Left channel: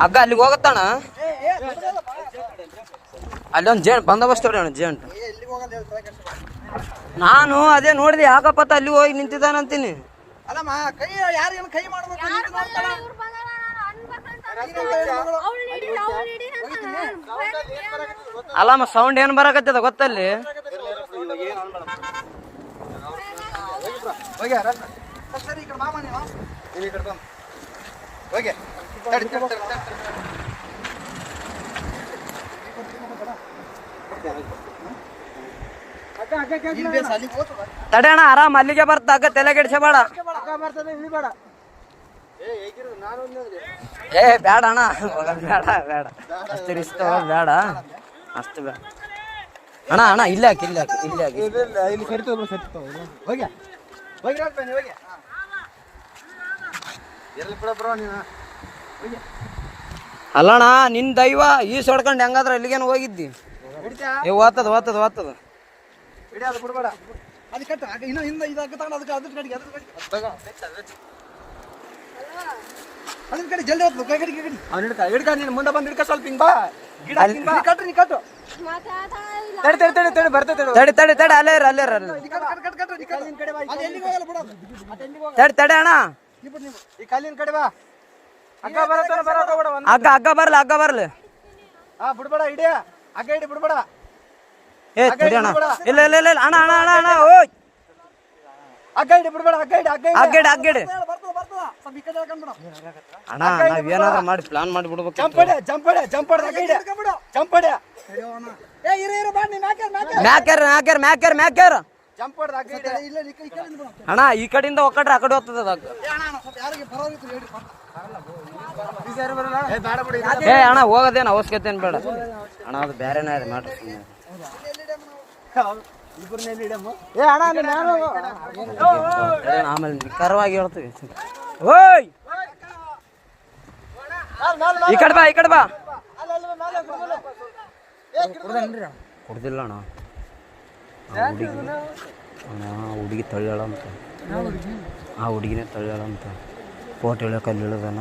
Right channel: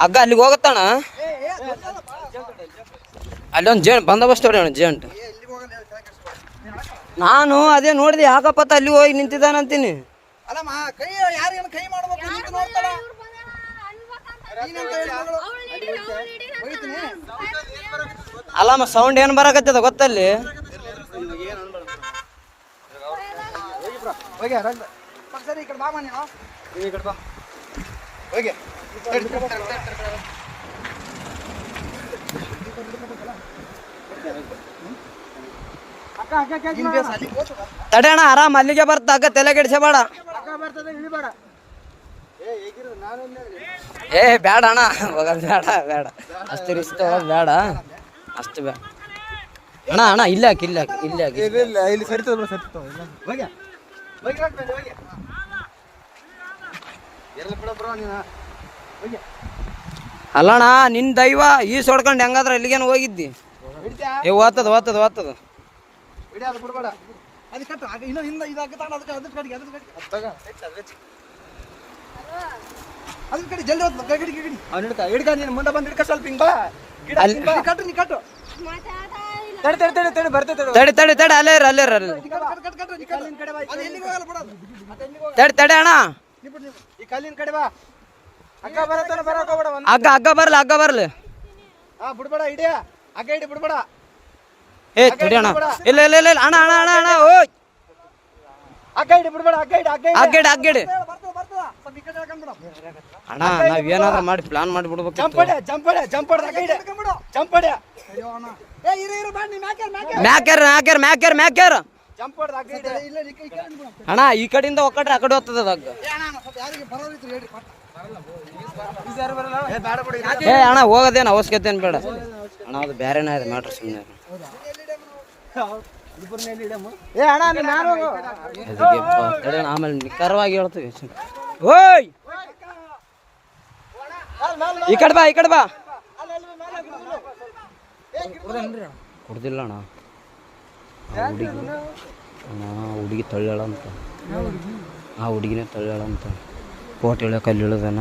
ಹಗ್ಗ ಅಲ್ಲಿಗೆ ಹೋಗತ್ತಣ ಅಲ್ಲೊಂದು ಜೇಂಟ್ ಬಂದೋಬಸ್ತ್ ಅಣ್ಣ ಜೇಂಟ್. ನಾನು ಅದೇ ನೋಡಿದೆ ಯಾಕಪ್ಪತ್ತ ಅಲ್ಲಿ ಹೋಗಿ ನಿಂತಿದ್ದಾನಂತೀನಿ. ಅಲ್ಲಮ್ಮ ಸೌಂಡ್ ಏನ್ ಬರಕತ್ತದ ಗೊತ್ತಲ್ಲಿ. ತಡೆಯಣ ಆರಾಮ್ ಅಲ್ಲಿಗೆ ಬರ್ತ ಹಗ್ಗ ತಲೆ ಕೆಡಿಸಬೇಡ. ಏ ಬೇಡ ಅಣ್ಣ ಬೇಡ ಬೇಡ ಅಷ್ಟು ರಿಸ್ಕ್ ಬೇಡ ಅಷ್ಟು ಬೇಡ ಅಣ್ಣ. ಅಣ್ಣ ಇಲ್ಲ ಹಾಕಿ ಇಲ್ಲ ಹಾಕಿ ಇಲ್ಲ ಹಾಕಿ ಇಲ್ಲಿ ಅಲ್ಲಣ್ಣ ನಿನ್ ದೈವ ಈ ಸೊಡ್ಕೊಂಡು ಹೆಂಗಾದ್ರ ಎಲ್ಲಿಗೇನು ಹೋಗಿದ್ದಿ. ಏ ಓದ್ತದ ಓದ್ತದ ಓದ್ತದ ಮುಂದೆ ಬಂದ್ ಹಿಡ್ಕ ಸ್ವಲ್ಪ ಹಿಂಗ್ ಬಾ. ತಡಿ ತಡಿ ತಡಿ ಅಲ್ಲೇ ಅಲ್ಲೇ ತಡಿ ತಡಿ ಅಣ್ಣ ಈ ಕಲ್ಲಿನ ಕಡೆ ಬಾ. ಹಗ್ಗ ಬರತ್ತಾನ ಬರಕ ಹೋಗ್ಬೇಡ. ಹಗ್ಗ ಹಗ್ಗ ಬರ್ಲಿ ಹಗ್ಗ ಬರ್ಲಿ. ಬಿಡ್ಬೇಡ ಇಡಿ ಹಗ್ಗ ಇಡಿ ಬಿಡ್ಬೇಡ. ಏ ತಡಿ ಅಣ್ಣ ಇಲ್ಲ ಇಲ್ಲ ಇಲ್ಲ ಅಣ್ಣ ಅಣ್ಣ ಅಣ್ಣ ಅಣ್ಣ ಓಯ್ ಹಗ್ಗ ಇಡಿ ಬಿಡ್ಬೇಡ. ಹಗ್ಗ ಇಡಿ ಹಗ್ಗ ಇಡಿ ಹಗ್ಗಡಿ ಹಗ್ಗಡಿ ಅಣ್ಣ ನಾವ್ ಏನಾದ್ರು ಮಾಡಿ ಪ್ಲಾನ್ ಮಾಡಿ ಬಿಡ್ಬೇಕು. ಜಂಪಡೆ ಜಂಪಡೆ ಜಂಪಡೆ ಹಗ್ಗ ಇಡಿ ಜಂಪಡೆ. ಮ್ಯಾಕ್ಯಾರ ಮ್ಯಾಕ್ಯಾರ ಮ್ಯಾಕ್ಯಾರ ಮ್ಯಾಕ್ಯಾರ ಜಂಪಡೆ ಹಗ್ಗ ಇಡಿ. ಅಣ್ಣ ಈ ಕಡೆಯಿಂದ ಒಕ್ಕಟ್ರೆ ಆ ಕಡೆ ಹೋಗ್ತದೆ ಹಗ್ಗ. ಏ ಅಣ್ಣ ಹೋಗೋದೇನು ಅವಶ್ಯಕತೆ ಏನು ಬೇಡ ಅಣ್ಣ. ಅದು ಬೇರೆನೇ ಇದೆ ಮ್ಯಾಟ್ರ್ ಸುಮ್ಮನೆ. ಆಮೇಲೆ ನಿಖರವಾಗಿ ಹೇಳ್ತೀವಿ. ಓಯ್ ಈ ಕಡೆ ಬಾ ಈ ಕಡೆ ಬಾ. ಕುಡ್ದಿಲ್ಲ ಅಣ್ಣ. ಅಣ್ಣ ಹುಡುಗಿ ತಳ್ಳ್ಯಾಳ ಅಂತ. ಆ ಹುಡುಗಿನೇ ತಳ್ಳ್ಯಾಳ ಅಂತ. ಕೋಟೆ ಇಳಿಯಕ್ಕೆ ಅಲ್ಲಿ ಇಳಿದಾನ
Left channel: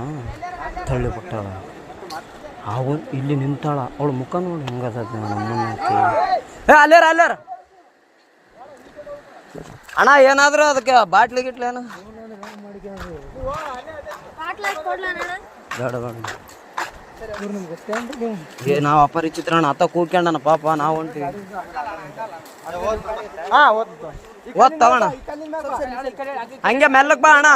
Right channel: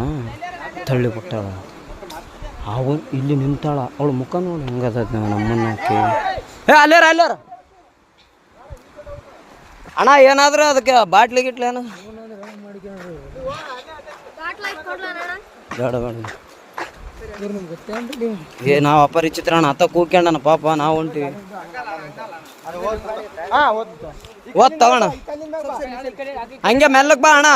ತಳ್ಳಿ ಬಿಟ್ಟಾಳ. ಅವು ಇಲ್ಲಿ ನಿಂತಾಳ. ಅವಳು ಮುಖ ನೋಡಿ ಹೆಂಗದ ನಮ್ಮನ್ನಕ್ಕೆ. ಏ ಅಲ್ಲೇರ ಅಲ್ಲೇರ ಅಣ್ಣ ಏನಾದ್ರು ಅದಕ್ಕೆ ಬಾಟ್ಲಿ ಗಿಟ್ಲಿ ಏನು ಬೇಡ ಬೇಡ. ಏ ನಾವು ಅಪರಿಚಿತ್ರ ಅಣ್ಣ ಅತ್ತ ಕೂಕ್ಯಂಡನ ಪಾಪ ನಾವು ಹೊಂಟಿವಿ. ಓದ್ ತಗೋಣ ಹಂಗೆ ಮೆಲ್ಲಕ್ ಬಾ ಅಣ್ಣ.